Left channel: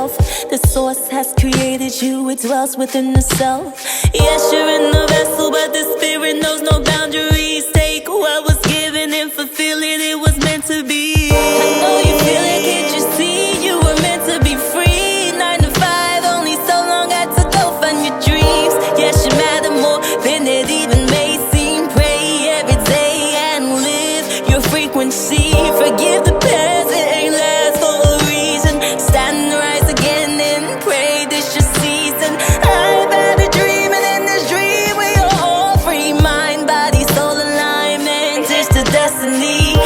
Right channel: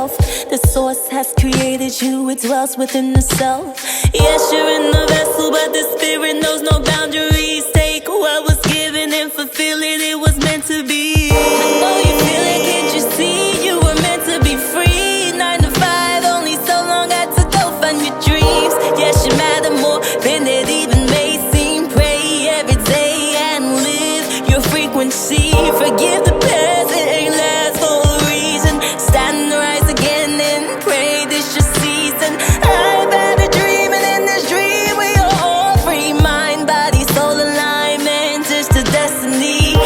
yourself. The source has created you, it dwells within the self. Yes, you're in the vessel, but the spirit knows no boundaries. Take what was given and fulfill it, it was meant to be. I know you feel it, can't you see? You were meant to be free. 9 to 5, only so long, had to go find your dreams. Yes, you matter more than it even may seem. Pray every day and live your frequency. Forgive the past, it ain't last for a reason. Stand and rise again and pray this your season. I've had a dream, and in this dream we are all free. Mind, body, soul alignment is the destiny.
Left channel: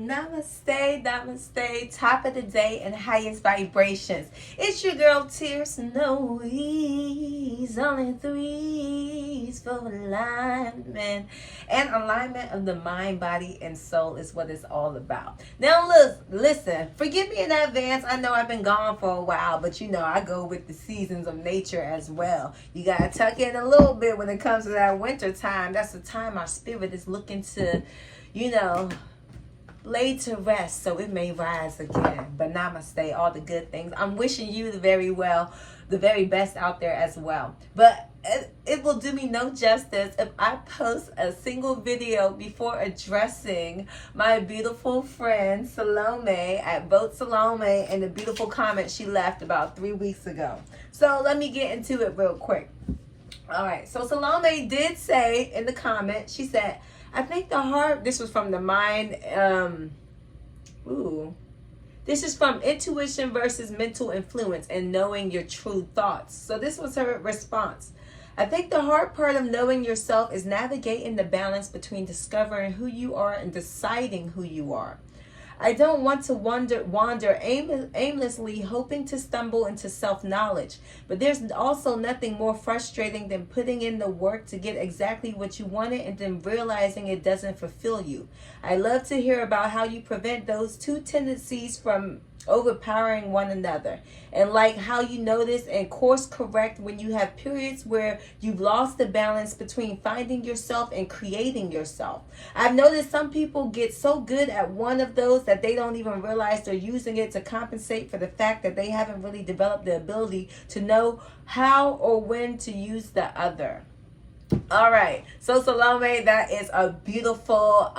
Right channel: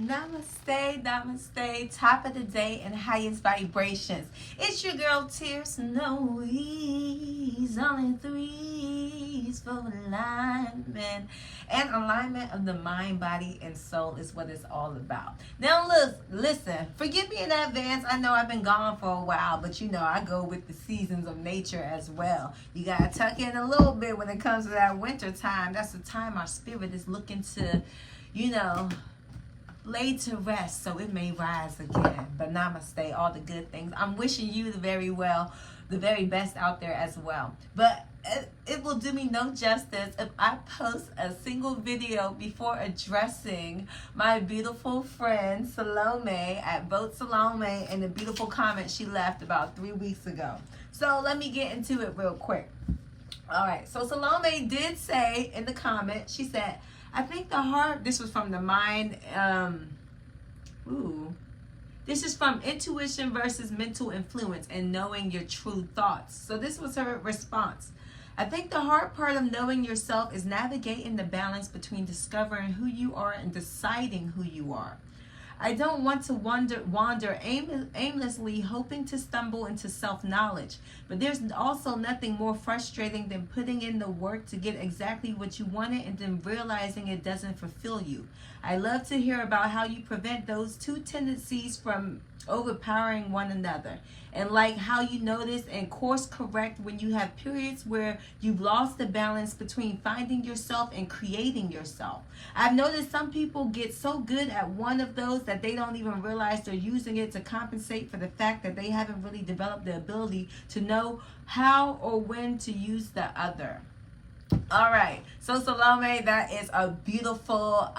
Namaste, namaste, top of the day and highest vibrations. It's your girl Ti3rc3, no E's, only 3's for alignment. And alignment of the mind, body, and soul is what it's all about. Now listen, forgive me in advance. I know I've been gone for a while, but you know I go with the seasons of nature as well. You gotta tuck in a little bit when it comes to that winter time. That's the time our spirit is looking to, you know, lay to rest so it may rise again. But namaste, all the good things. I'm wishing you the very best out there as well. But it will do me no justice if I post a single video before addressing my beautiful friend Salome at Vote Salome and the beautiful comment she left about 3 weeks ago. So let me get into it real quick. All right, so Salome did say in the comment, she said, I think the heart, this was from the mind, this is from intuition versus mental influence and knowing your true thoughts. So this was her response. I think the hard part of knowing yourself is navigating the balance between discovering who you are and deciding who you are. I don't want to wander aimlessly, hoping to stumble into self-knowledge. But there's also nothing more frustrating than putting in the work to get exactly what you wanted and then realizing it doesn't fulfill you. I love to hear about how you prevent those two tendencies from overpowering one another, and like how you notice and course correct when you have periods where you've lost the balance between finding yourself and creating yourself. I've noticed some people get so good at one of those that they don't even realize they're using it to compensate for the fact that they haven't really developed the ability to know how or when to use the other. All right, so Salome, that is a beautiful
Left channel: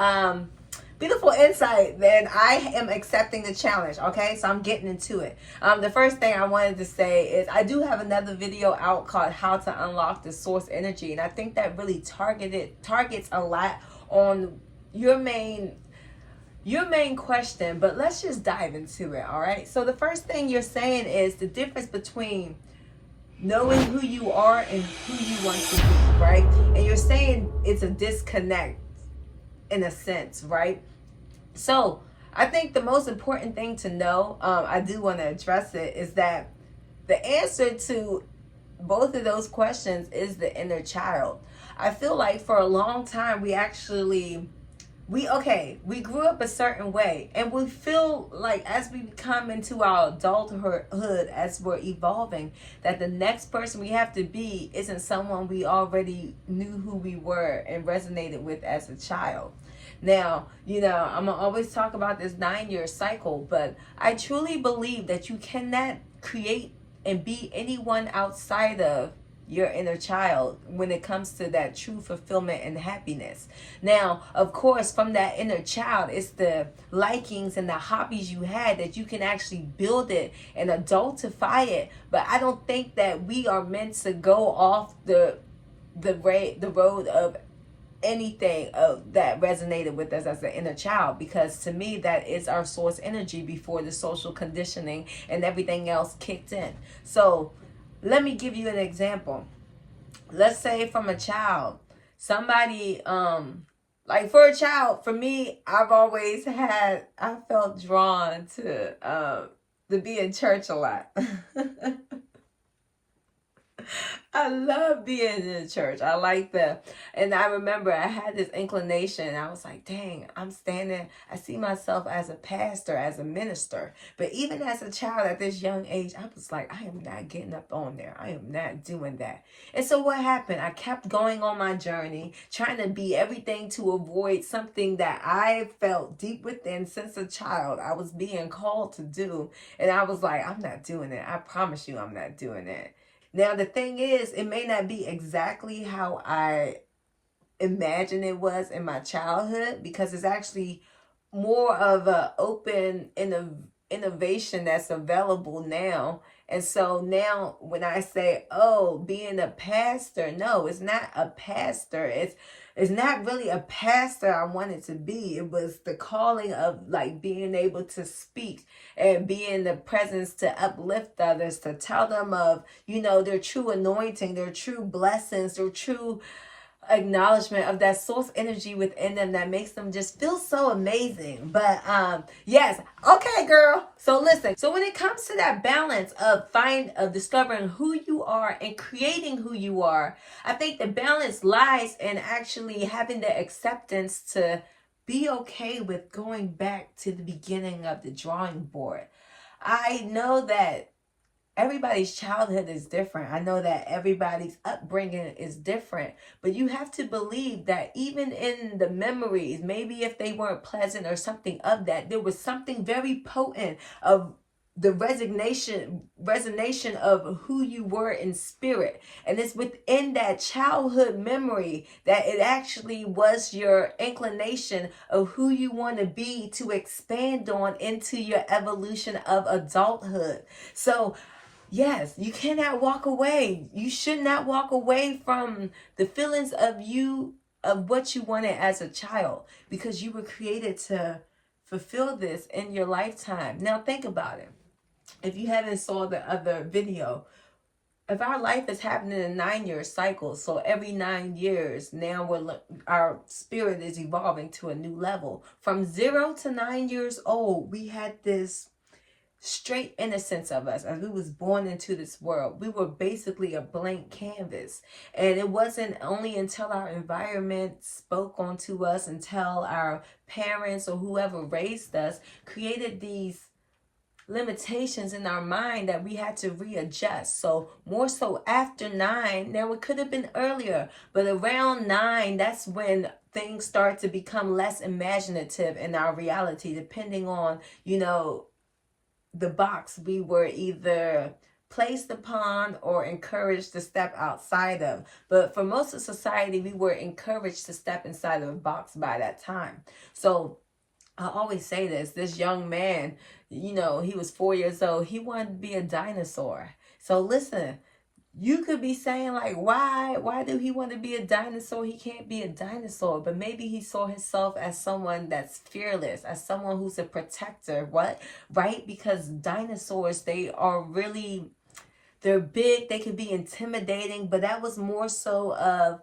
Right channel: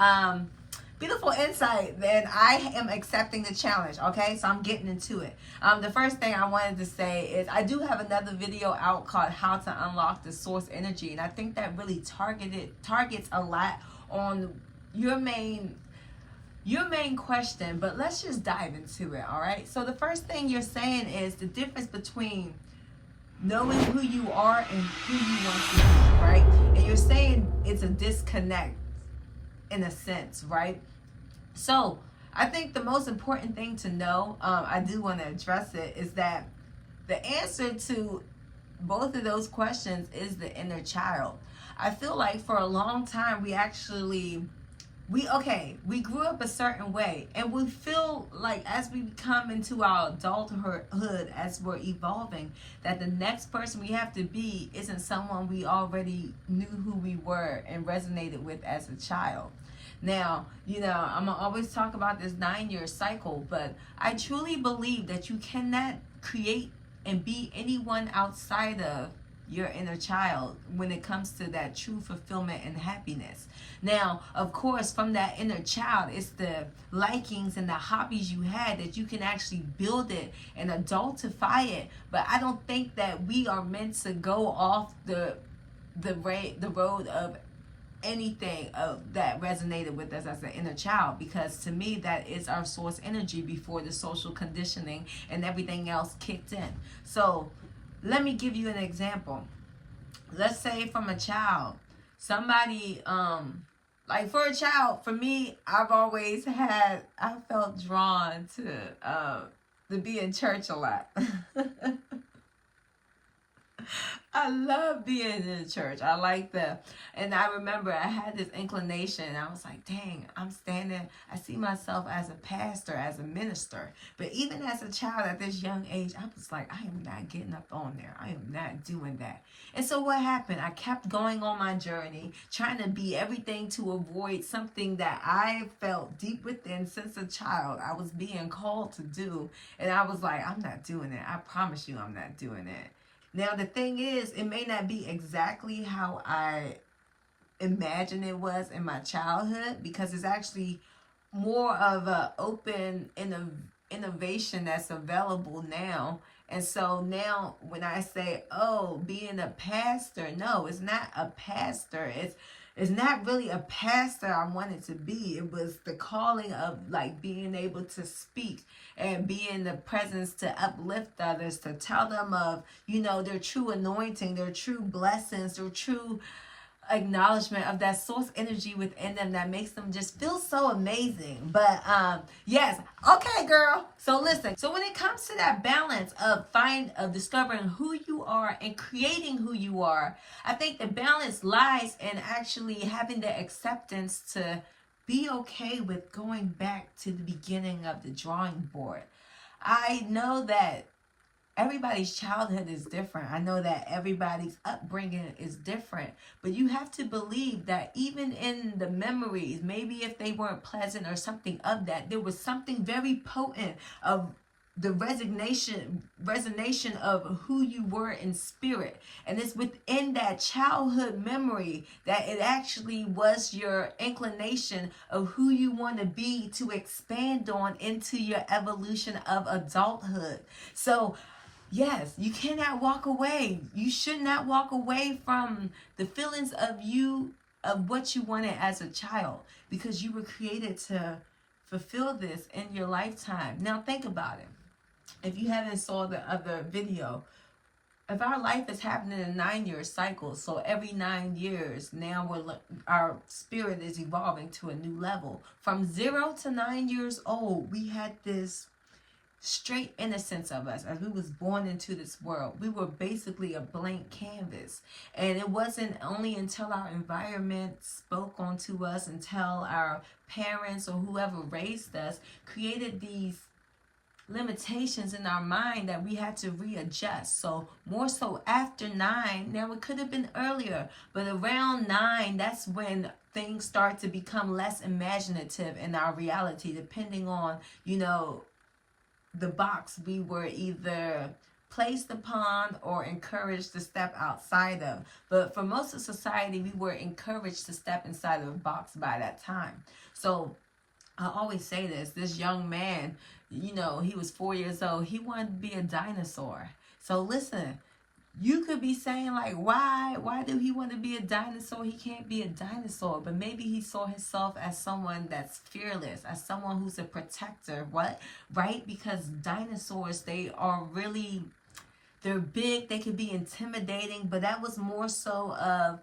insight. Then I am accepting the challenge. Okay, so I'm getting into it. The first thing I wanted to say is I do have another video out called How to Unlock the Source Energy, and I think that really targets a lot on your main question. But let's just dive into it. All right, so the first thing you're saying is the difference between knowing who you are and who you want to be, right? And you're saying it's a disconnect in a sense, right? So I think the most important thing to know, I do want to address it, is that the answer to both of those questions is the inner child. I feel like for a long time we grew up a certain way, and we feel like as we come into our adulthood, as we're evolving, that the next person we have to be isn't someone we already knew who we were and resonated with as a child. Now, you know, I'm gonna always talk about this 9-year cycle, but I truly believe that you cannot create and be anyone outside of your inner child when it comes to that true fulfillment and happiness. Now, of course, from that inner child, it's the likings and the hobbies you had that you can actually build it and adultify it. But I don't think that we are meant to go off the road of anything that resonated with us as an inner child, because to me that is our source energy before the social conditioning and everything else kicked in. So let me give you an example. Let's say from a child, somebody like for a child, for me, I felt drawn to be in church a lot. I love being in the church. I like and I remember I had this inclination. I was like, dang, I'm standing. I see myself as a pastor, as a minister. But even as a child at this young age, I was like, I am not getting up on there. I am not doing that. And so what happened? I kept going on my journey, trying to be everything to avoid something that I felt deep within since a child I was being called to do. And I was like, I'm not doing it. I promise you I'm not doing it. Now, the thing is, it may not be exactly how I imagined it was in my childhood, because it's actually more of a open innovation that's available now. And so now when I say, oh, being a pastor, no, it's not a pastor. It's not really a pastor I wanted to be. It was the calling of like being able to speak and be in the presence to uplift others, to tell them of, their true anointing, their true blessings, their true acknowledgement of that source energy within them that makes them just feel so amazing. But yes, okay, girl. So listen. So when it comes to that balance of discovering who you are and creating who you are, I think the balance lies in actually having the acceptance to be okay with going back to the beginning of the drawing board. I know that everybody's childhood is different. I know that everybody's upbringing is different, but you have to believe that even in the memories, maybe if they weren't pleasant or something of that, there was something very potent of the resonation of who you were in spirit. And it's within that childhood memory that it actually was your inclination of who you want to be to expand on into your evolution of adulthood. So yes, you cannot walk away. You should not walk away from the feelings of what you wanted as a child, because you were created to fulfill this in your lifetime. Now think about it. If you haven't saw the other video, if our life is happening in a 9-year cycle, so every 9 years, now our spirit is evolving to a new level. From 0 to 9 years old, we had this straight innocence of us as we was born into this world. We were basically a blank canvas, and it wasn't only until our environment spoke onto us, until our parents or whoever raised us created these limitations in our mind that we had to readjust. So more so after 9, now it could have been earlier, but around 9, that's when things start to become less imaginative in our reality, depending on the box we were either placed upon or encouraged to step outside of. But for most of society, we were encouraged to step inside of a box by that time. So I always say this young man, he was 4 years old. He wanted to be a dinosaur. So listen, you could be saying like, why do he want to be a dinosaur? He can't be a dinosaur. But maybe he saw himself as someone that's fearless, as someone who's a protector. What? Right? Because dinosaurs, they're big. They can be intimidating. But that was more so of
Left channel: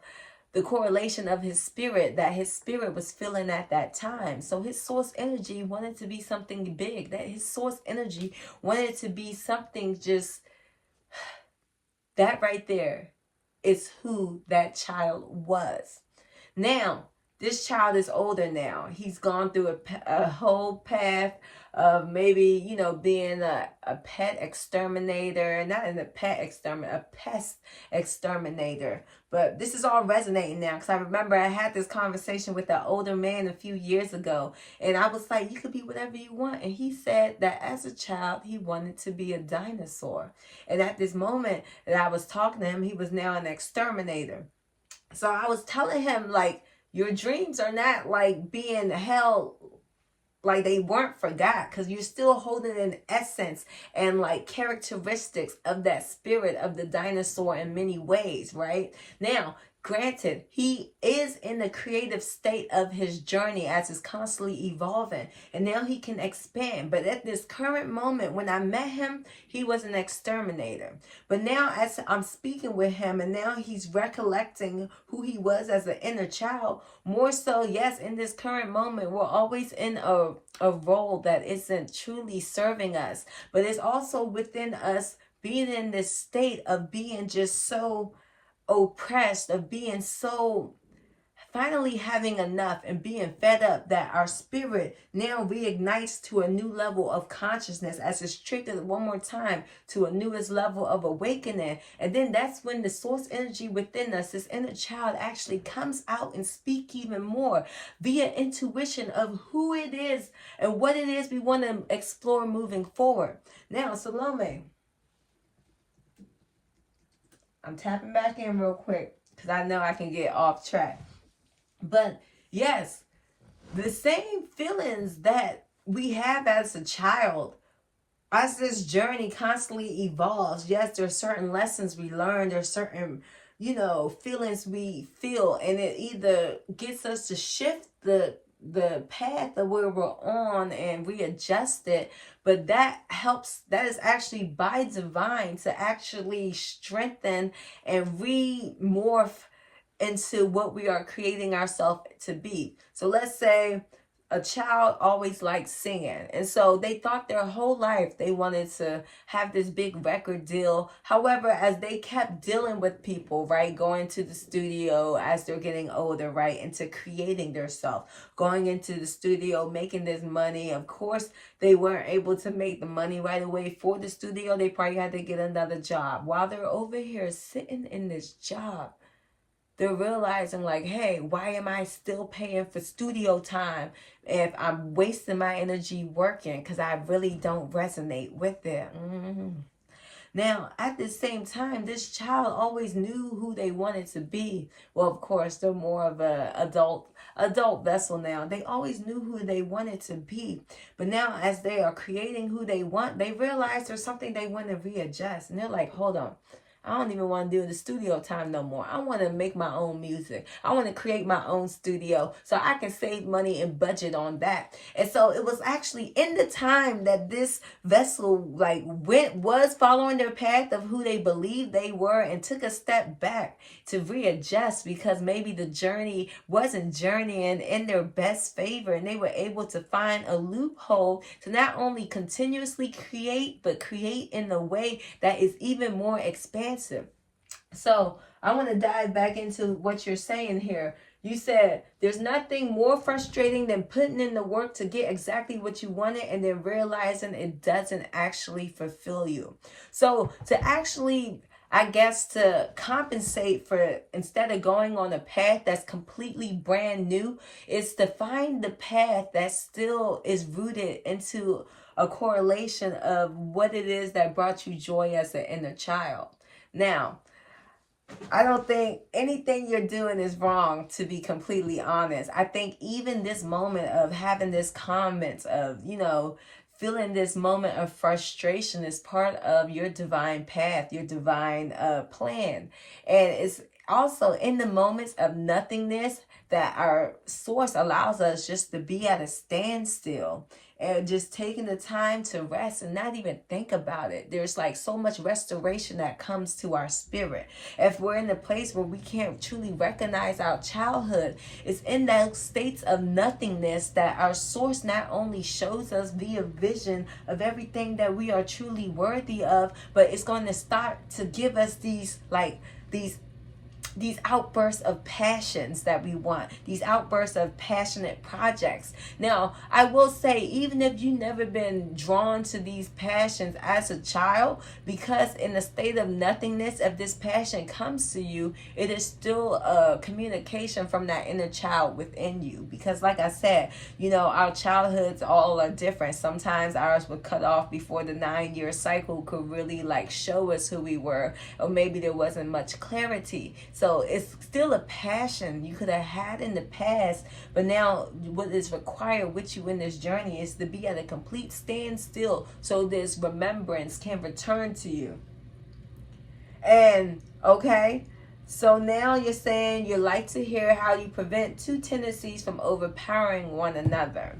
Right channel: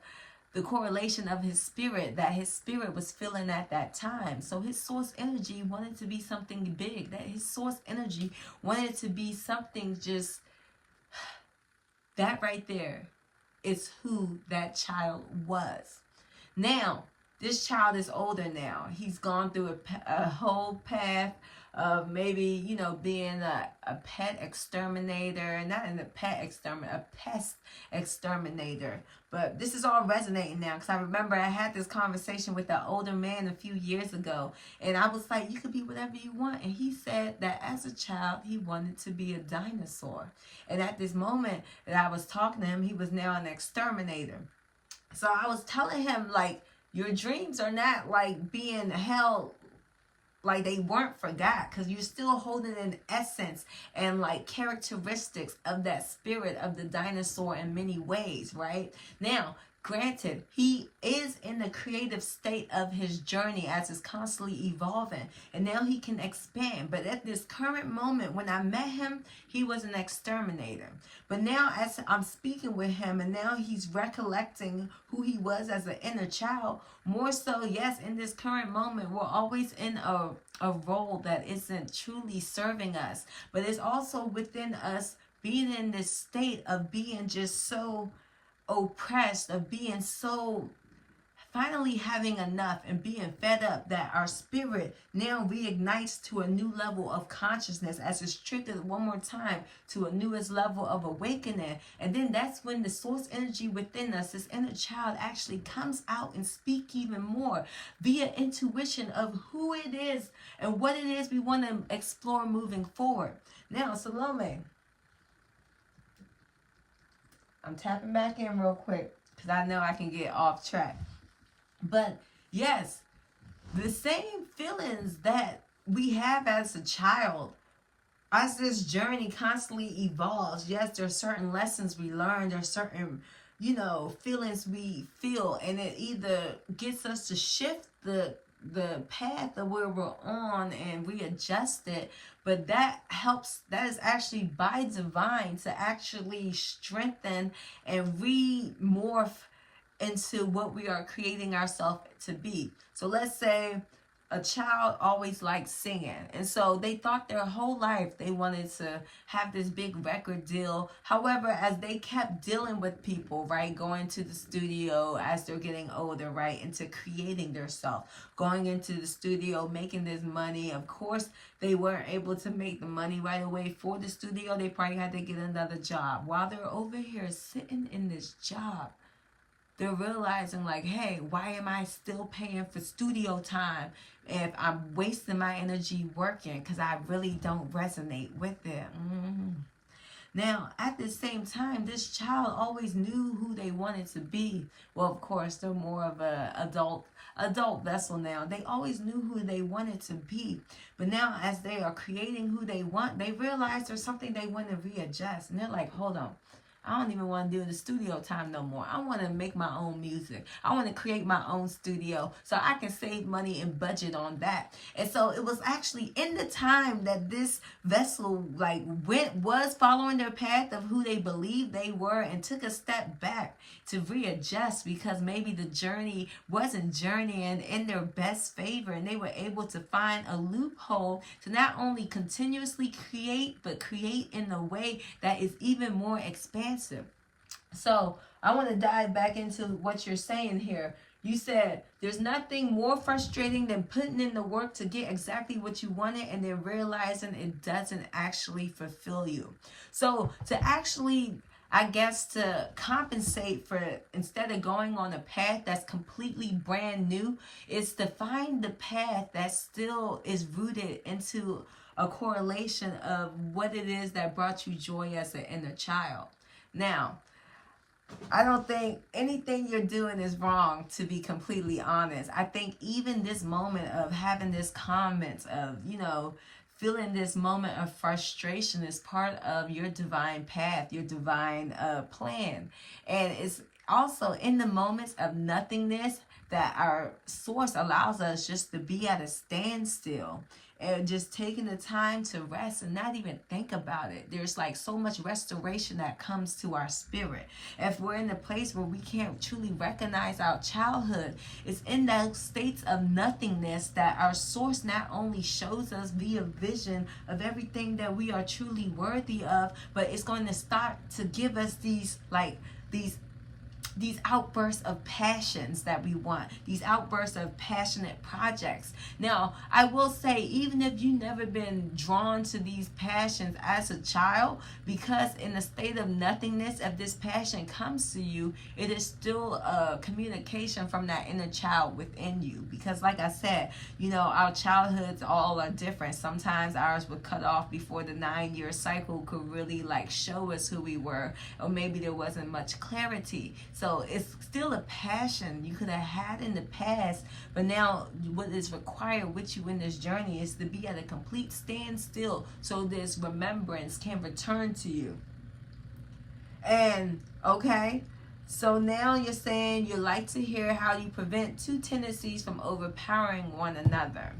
the correlation of his spirit, that his spirit was feeling at that time. So his source energy wanted to be something big. That his source energy wanted to be something just... That right there is who that child was. Now, this child is older now. He's gone through a whole path of maybe, being a pet exterminator. Not a pet exterminator, a pest exterminator. But this is all resonating now, because I remember I had this conversation with an older man a few years ago. And I was like, you could be whatever you want. And he said that as a child, he wanted to be a dinosaur. And at this moment that I was talking to him, he was now an exterminator. So I was telling him, like, your dreams are not like being held like they weren't forgot, because you're still holding an essence and like characteristics of that spirit of the dinosaur in many ways, right? Now, granted, he is in the creative state of his journey as it's constantly evolving, and now he can expand. But at this current moment, when I met him, he was an exterminator. But now as I'm speaking with him, and now he's recollecting who he was as an inner child, more so, yes, in this current moment, we're always in a role that isn't truly serving us. But it's also within us being in this state of being just so oppressed, of being so finally having enough and being fed up, that our spirit now reignites to a new level of consciousness as it's triggered one more time to a newest level of awakening. And then that's when the source energy within us, this inner child, actually comes out and speak even more via intuition of who it is and what it is we want to explore moving forward. Now, Salome, I'm tapping back in real quick because I know I can get off track. But yes, the same feelings that we have as a child, as this journey constantly evolves, yes, there are certain lessons we learn, there are certain, feelings we feel, and it either gets us to shift the path of where we're on and readjust it, but that is actually by divine to actually strengthen and remorph into what we are creating ourselves to be. So let's say a child always liked singing, and so they thought their whole life they wanted to have this big record deal. However, as they kept dealing with people, right, going to the studio as they're getting older, right, into creating themselves, going into the studio, making this money, of course they weren't able to make the money right away for the studio. They probably had to get another job. While they're over here sitting in this job, they're realizing like, hey, why am I still paying for studio time if I'm wasting my energy working because I really don't resonate with it? Now, at the same time, this child always knew who they wanted to be. Well, of course, they're more of a adult vessel now. They always knew who they wanted to be. But now as they are creating who they want, they realize there's something they want to readjust. And they're like, hold on. I don't even want to do the studio time no more. I want to make my own music. I want to create my own studio so I can save money and budget on that. And so it was actually in the time that this vessel was following their path of who they believed they were and took a step back to readjust, because maybe the journey wasn't journeying in their best favor, and they were able to find a loophole to not only continuously create, but create in a way that is even more expansive. So I want to dive back into what you're saying here. You said there's nothing more frustrating than putting in the work to get exactly what you wanted and then realizing it doesn't actually fulfill you. So to actually, I guess, to compensate for, instead of going on a path that's completely brand new, is to find the path that still is rooted into a correlation of what it is that brought you joy as an inner child. Now, I don't think anything you're doing is wrong, to be completely honest. I think even this moment of having this comment of, feeling this moment of frustration is part of your divine path, your divine plan. And it's also in the moments of nothingness that our source allows us just to be at a standstill and just taking the time to rest and not even think about it. There's like so much restoration that comes to our spirit. If we're in a place where we can't truly recognize our childhood, it's in those states of nothingness that our source not only shows us via vision of everything that we are truly worthy of, but it's going to start to give us these outbursts of passions that we want, these outbursts of passionate projects. Now, I will say, even if you've never been drawn to these passions as a child, because in the state of nothingness, if this passion comes to you, it is still a communication from that inner child within you. Because like I said, our childhoods all are different. Sometimes ours were cut off before the 9-year cycle could really show us who we were, or maybe there wasn't much clarity. So it's still a passion you could have had in the past, but now what is required with you in this journey is to be at a complete standstill so this remembrance can return to you. And okay, so now you're saying you like to hear how you prevent two tendencies from overpowering one another.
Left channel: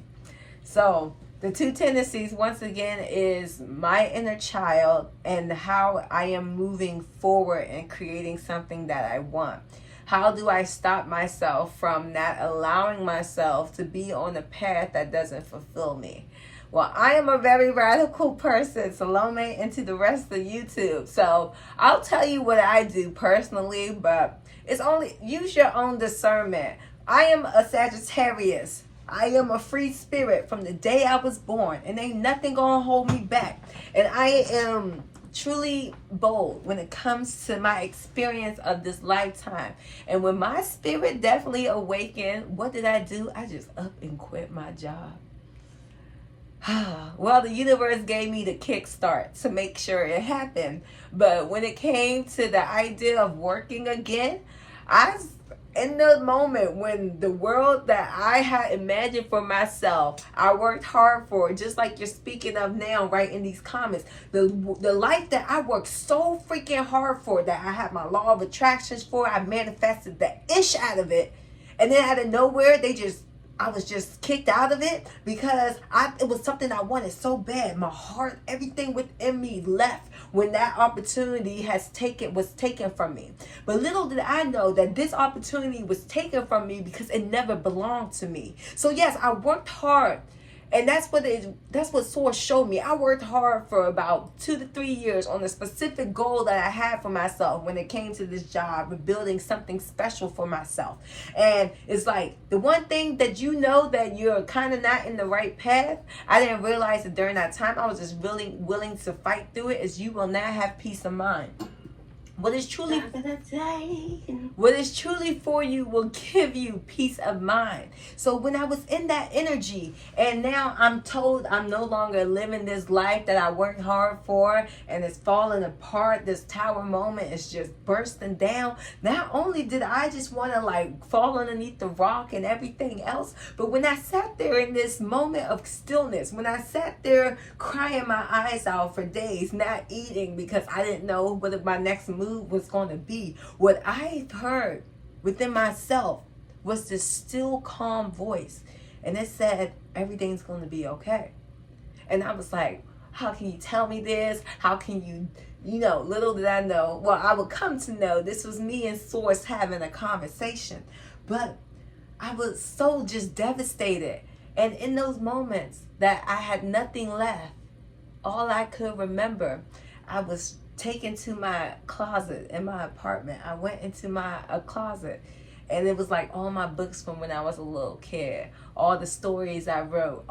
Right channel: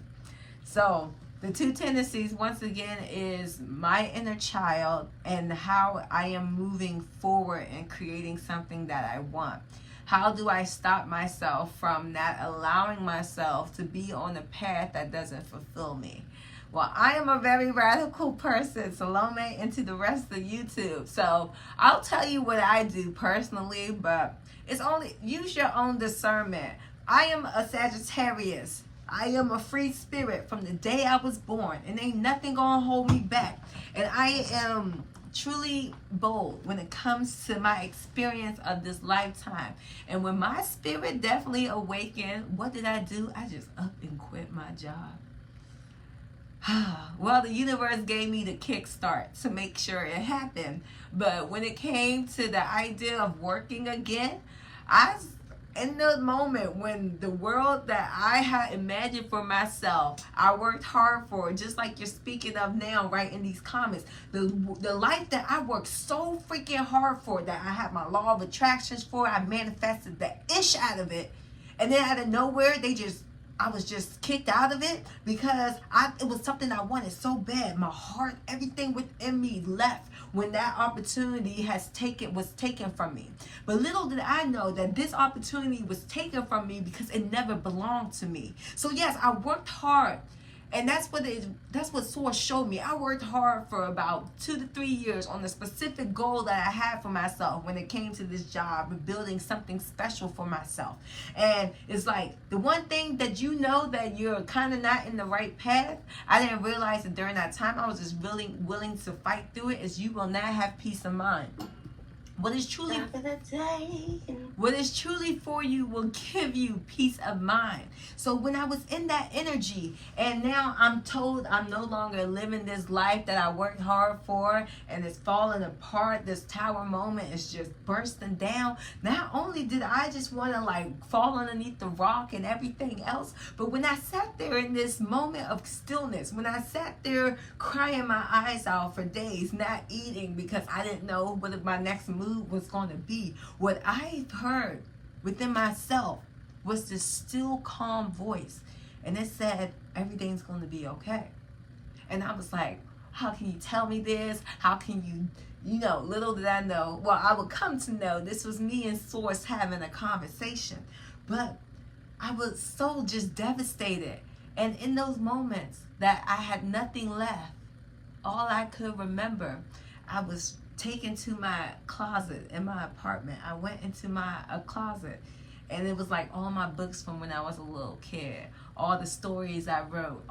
So the two tendencies, once again, is my inner child and how I am moving forward and creating something that I want. How do I stop myself from not allowing myself to be on a path that doesn't fulfill me? Well, I am a very radical person, Salome, into the rest of YouTube. So I'll tell you what I do personally, but it's only, use your own discernment. I am a Sagittarius. I am a free spirit from the day I was born, and ain't nothing gonna hold me back. And I am truly bold when it comes to my experience of this lifetime. And when my spirit definitely awakened, what did I do? I just up and quit my job. Well, the universe gave me the kickstart to make sure it happened. But when it came to the idea of working again, in the moment when the world that I had imagined for myself, I worked hard for, just like you're speaking of now, right in these comments, the life that I worked so freaking hard for, that I had my law of attractions for, I manifested the ish out of it, and then out of nowhere, I was just kicked out of it because it was something I wanted so bad. My heart, everything within me left when that opportunity was taken from me. But little did I know that this opportunity was taken from me because it never belonged to me. So yes, I worked hard. And that's what Source showed me. I worked hard for about 2 to 3 years on a specific goal that I had for myself when it came to this job of building something special for myself. And it's like, the one thing that you know that you're kind of not in the right path, I didn't realize that during that time I was just really willing to fight through it, is you will not have peace of mind. What is truly for you will give you peace of mind. So when I was in that energy, and now I'm told I'm no longer living this life that I worked hard for, and it's falling apart, this tower moment is just bursting down. Not only did I just want to like fall underneath the rock and everything else, but when I sat there in this moment of stillness, when I sat there crying my eyes out for days, not eating because I didn't know what my next move was going to be, what I heard within myself was this still calm voice, and it said everything's going to be okay. And I was like, how can you tell me this? How can you little did I know, well, I would come to know this was me and Source having a conversation. But I was so just devastated, and in those moments that I had nothing left, all I could remember, I was taken to my closet in my apartment. I went into my closet, and it was like all my books from when I was a little kid, all the stories I wrote,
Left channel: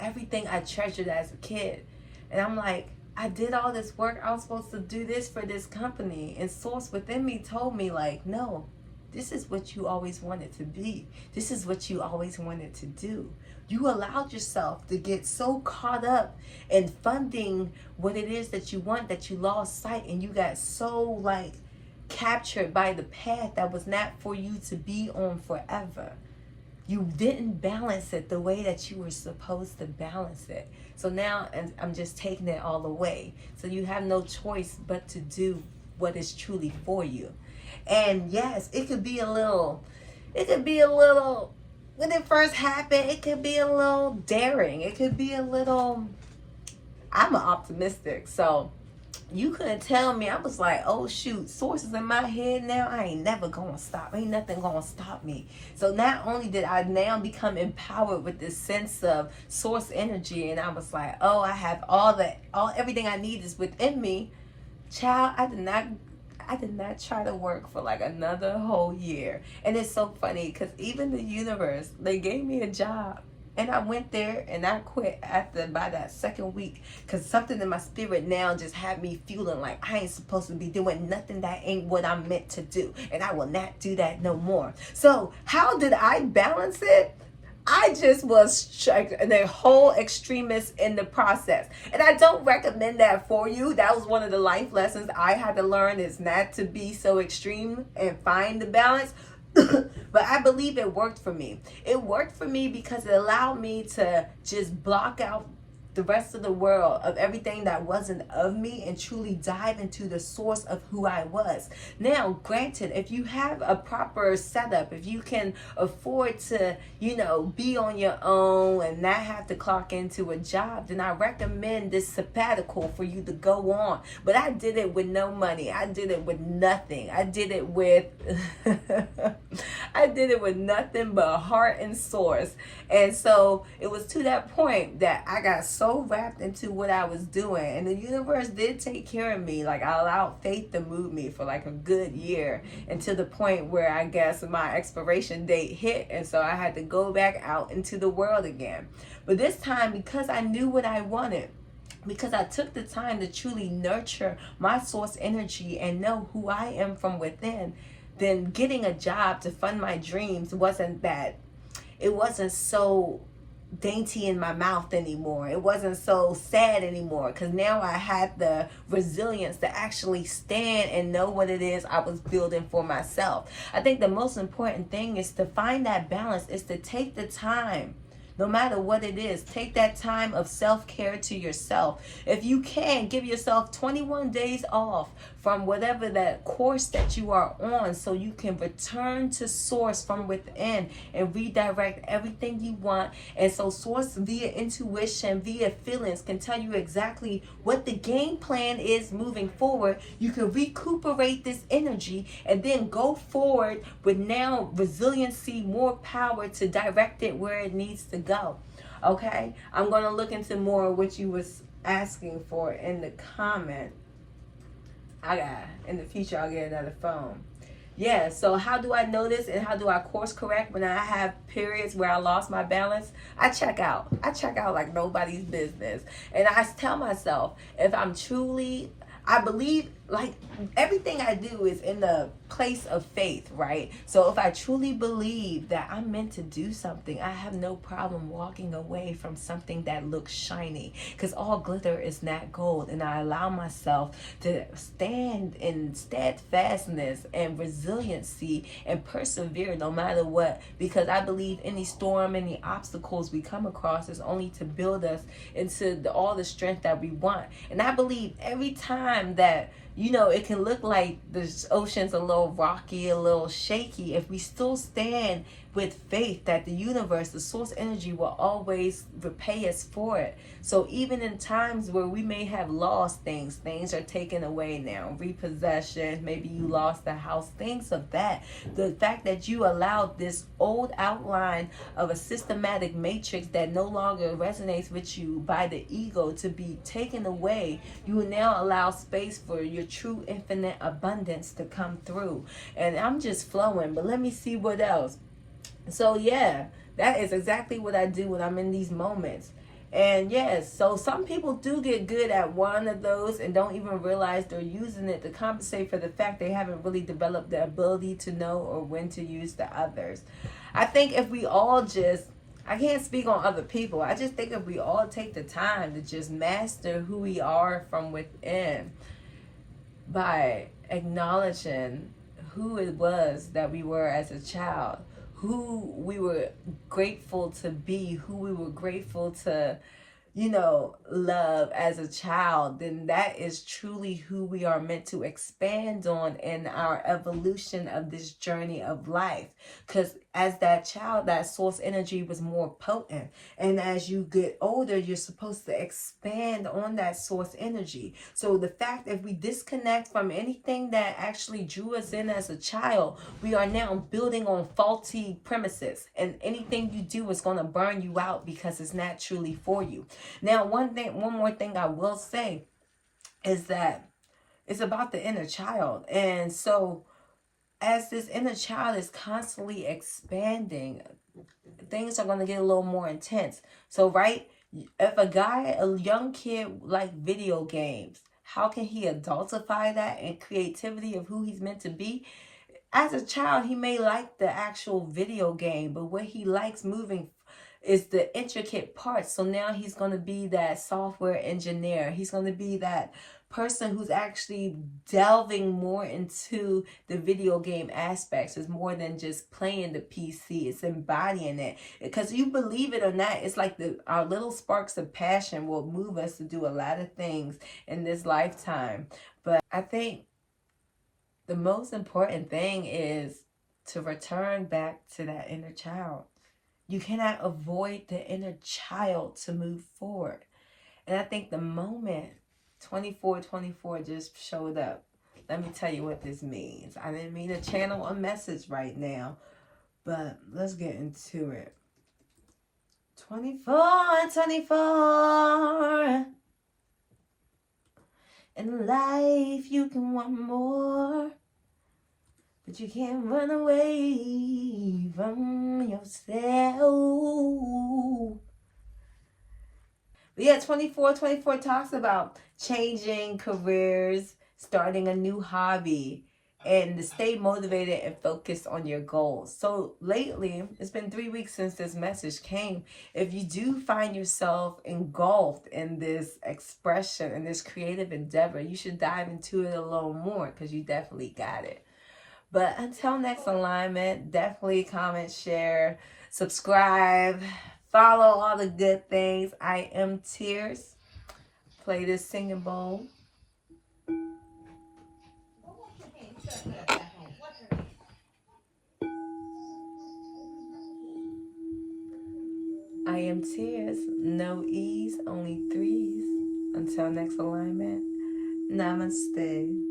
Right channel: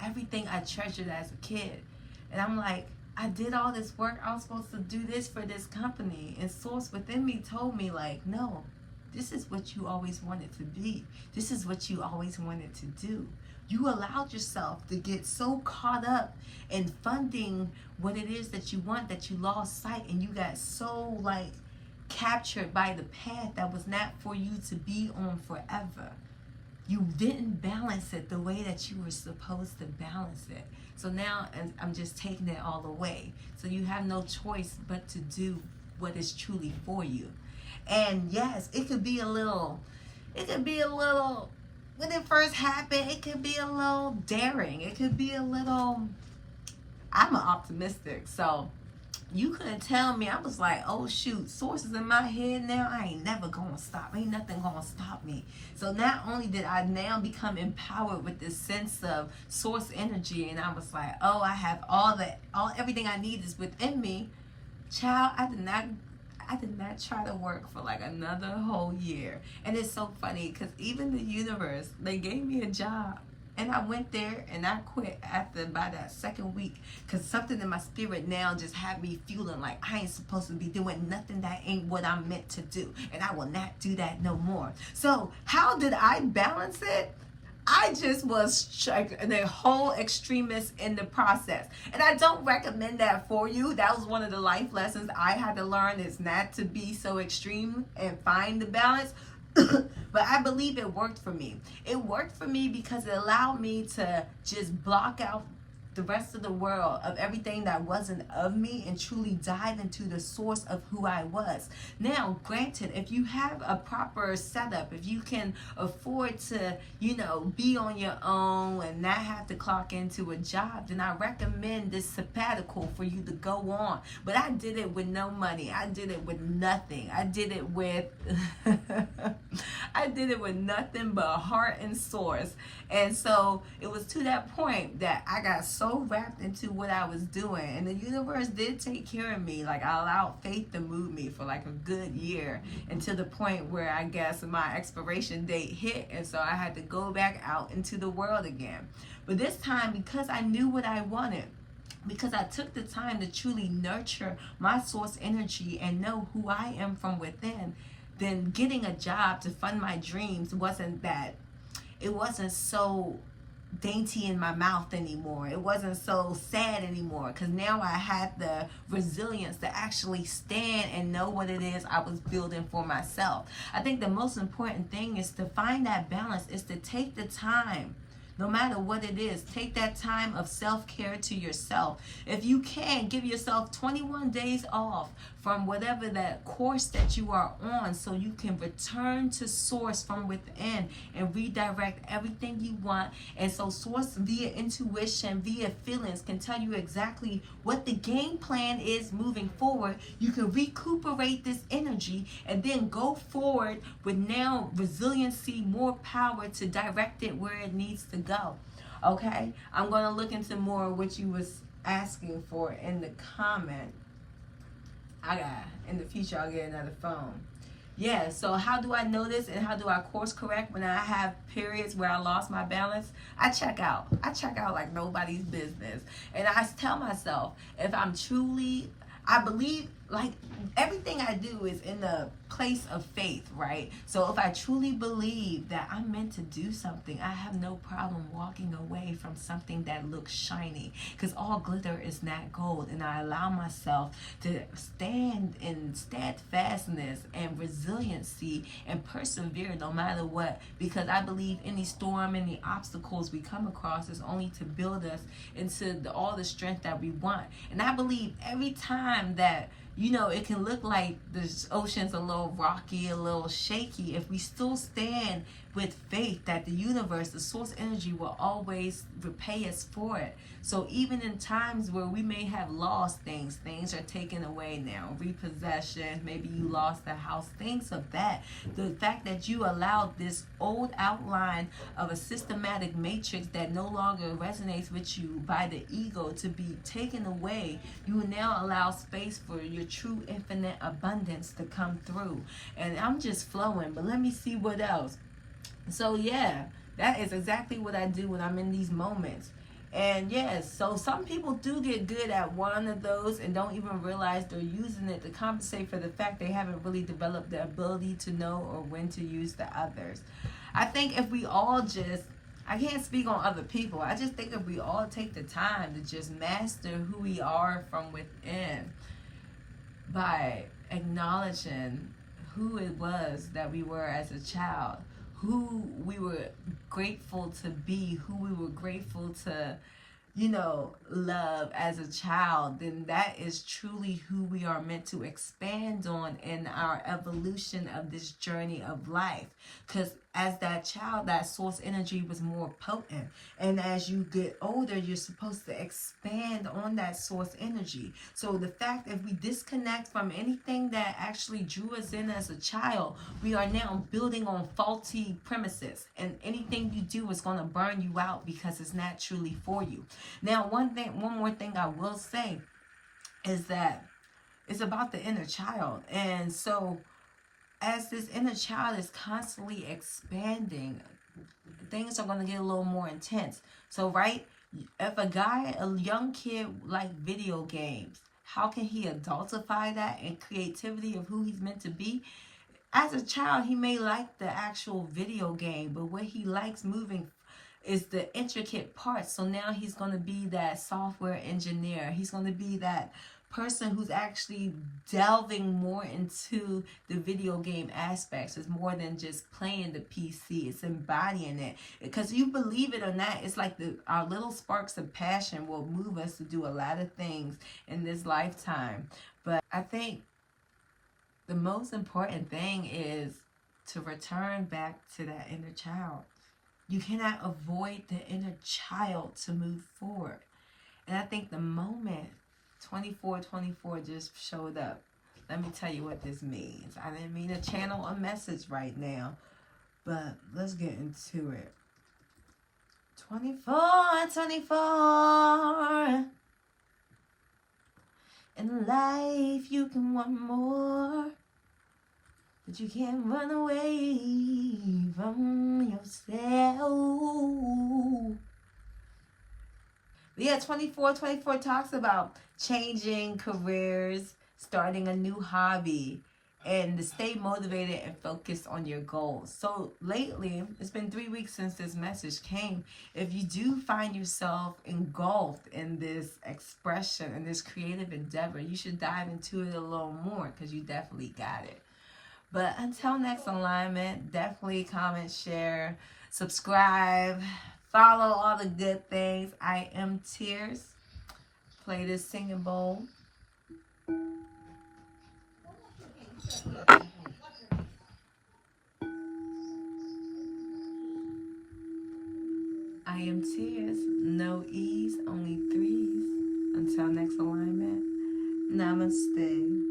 everything I treasured as a kid. And I'm like, I did all this work. I was supposed to do this for this company, and Source within me told me like, no, this is what you always wanted to be. This is what you always wanted to do. You allowed yourself to get so caught up in funding what it is that you want that you lost sight, and you got so like captured by the path that was not for you to be on forever. You didn't balance it the way that you were supposed to balance it. So now I'm just taking it all away. So you have no choice but to do what is truly for you. And yes, it could be a little, when it first happened, it could be a little daring. It could be a little, I'm optimistic. So you couldn't tell me. I was like, oh shoot, Source is in my head now. I ain't never gonna stop. Ain't nothing gonna stop me. So not only did I now become empowered with this sense of Source energy, and I was like, oh, I have everything I need is within me. Child, I did not try to work for like another whole year. And it's so funny because even the universe, they gave me a job, and I went there and I quit by that second week, because something in my spirit now just had me feeling like I ain't supposed to be doing nothing that ain't what I'm meant to do, and I will not do that no more. So how did I balance it? I just was the whole extremist in the process. And I don't recommend that for you. That was one of the life lessons I had to learn, is not to be so extreme and find the balance. But I believe it worked for me. It worked for me because it allowed me to just block out the rest of the world, of everything that wasn't of me, and truly dive into the source of who I was. Now, granted, if you have a proper setup, if you can afford to, be on your own and not have to clock into a job, then I recommend this sabbatical for you to go on. But I did it with no money. I did it with nothing. I did it with nothing but heart and source. And so it was to that point that I got so wrapped into what I was doing, and the universe did take care of me. Like, I allowed faith to move me for like a good year, until the point where I guess my expiration date hit, and so I had to go back out into the world again. But this time, because I knew what I wanted, because I took the time to truly nurture my source energy and know who I am from within, then getting a job to fund my dreams wasn't so dainty in my mouth anymore. It wasn't so sad anymore, because now I had the resilience to actually stand and know what it is I was building for myself. I think the most important thing is to find that balance, is to take the time. No matter what it is, take that time of self-care to yourself. If you can, give yourself 21 days off from whatever that course that you are on, so you can return to source from within and redirect everything you want. And so source, via intuition, via feelings, can tell you exactly what the game plan is moving forward. You can recuperate this energy and then go forward with now resiliency, more power to direct it where it needs to go. Okay, I'm going to look into more of what you was asking for in the comment. In the future, I'll get another phone. Yeah, so how do I notice and how do I course correct when I have periods where I lost my balance? I check out like nobody's business. And I tell myself, if I'm truly, I believe, like, everything I do is in the place of faith, right? So if I truly believe that I'm meant to do something, I have no problem walking away from something that looks shiny, because all glitter is not gold. And I allow myself to stand in steadfastness and resiliency and persevere no matter what, because I believe any storm, any obstacles we come across is only to build us into all the strength that we want. And I believe every time that it can look like the ocean's a little rocky, a little shaky, if we still stand with faith that the universe, the source energy, will always repay us for it. So even in times where we may have lost things are taken away now, repossession, maybe you lost the house, things of that. The fact that you allowed this old outline of a systematic matrix that no longer resonates with you by the ego to be taken away, you will now allow space for your true infinite abundance to come through. And I'm just flowing, but let me see what else. So yeah, that is exactly what I do when I'm in these moments. And yes, so some people do get good at one of those and don't even realize they're using it to compensate for the fact they haven't really developed the ability to know or when to use the others. I think if we all just, I can't speak on other people, I just think if we all take the time to just master who we are from within by acknowledging who it was that we were as a child, who we were grateful to be, who we were grateful to, love as a child, then that is truly who we are meant to expand on in our evolution of this journey of life. Because as that child, that source energy was more potent. And as you get older, you're supposed to expand on that source energy. So the fact that we disconnect from anything that actually drew us in as a child, we are now building on faulty premises. And anything you do is going to burn you out because it's not truly for you. Now, one more thing I will say is that it's about the inner child. And so as this inner child is constantly expanding, things are going to get a little more intense. So, right, if a young kid like video games, how can he adultify that and creativity of who he's meant to be? As a child, he may like the actual video game, but what he likes moving is the intricate parts. So now he's going to be that software engineer. He's going to be that person who's actually delving more into the video game aspects. It's more than just playing the PC. It's embodying it. Because you believe it or not, it's like our little sparks of passion will move us to do a lot of things in this lifetime. But I think the most important thing is to return back to that inner child. You cannot avoid the inner child to move forward. And I think the moment 2424 just showed up, let me tell you what this means. I didn't mean to channel a message right now, but let's get into it. 2424. In life you can want more, but you can't run away from yourself. But yeah, 2424 talks about changing careers, starting a new hobby, and to stay motivated and focused on your goals. So lately, it's been 3 weeks since this message came. If you do find yourself engulfed in this expression, in this creative endeavor, you should dive into it a little more, because you definitely got it. But until next alignment, definitely comment, share, subscribe, follow all the good things. I am Tears. Play this singing bowl. I am Tears. No E's, only threes. Until next alignment, namaste.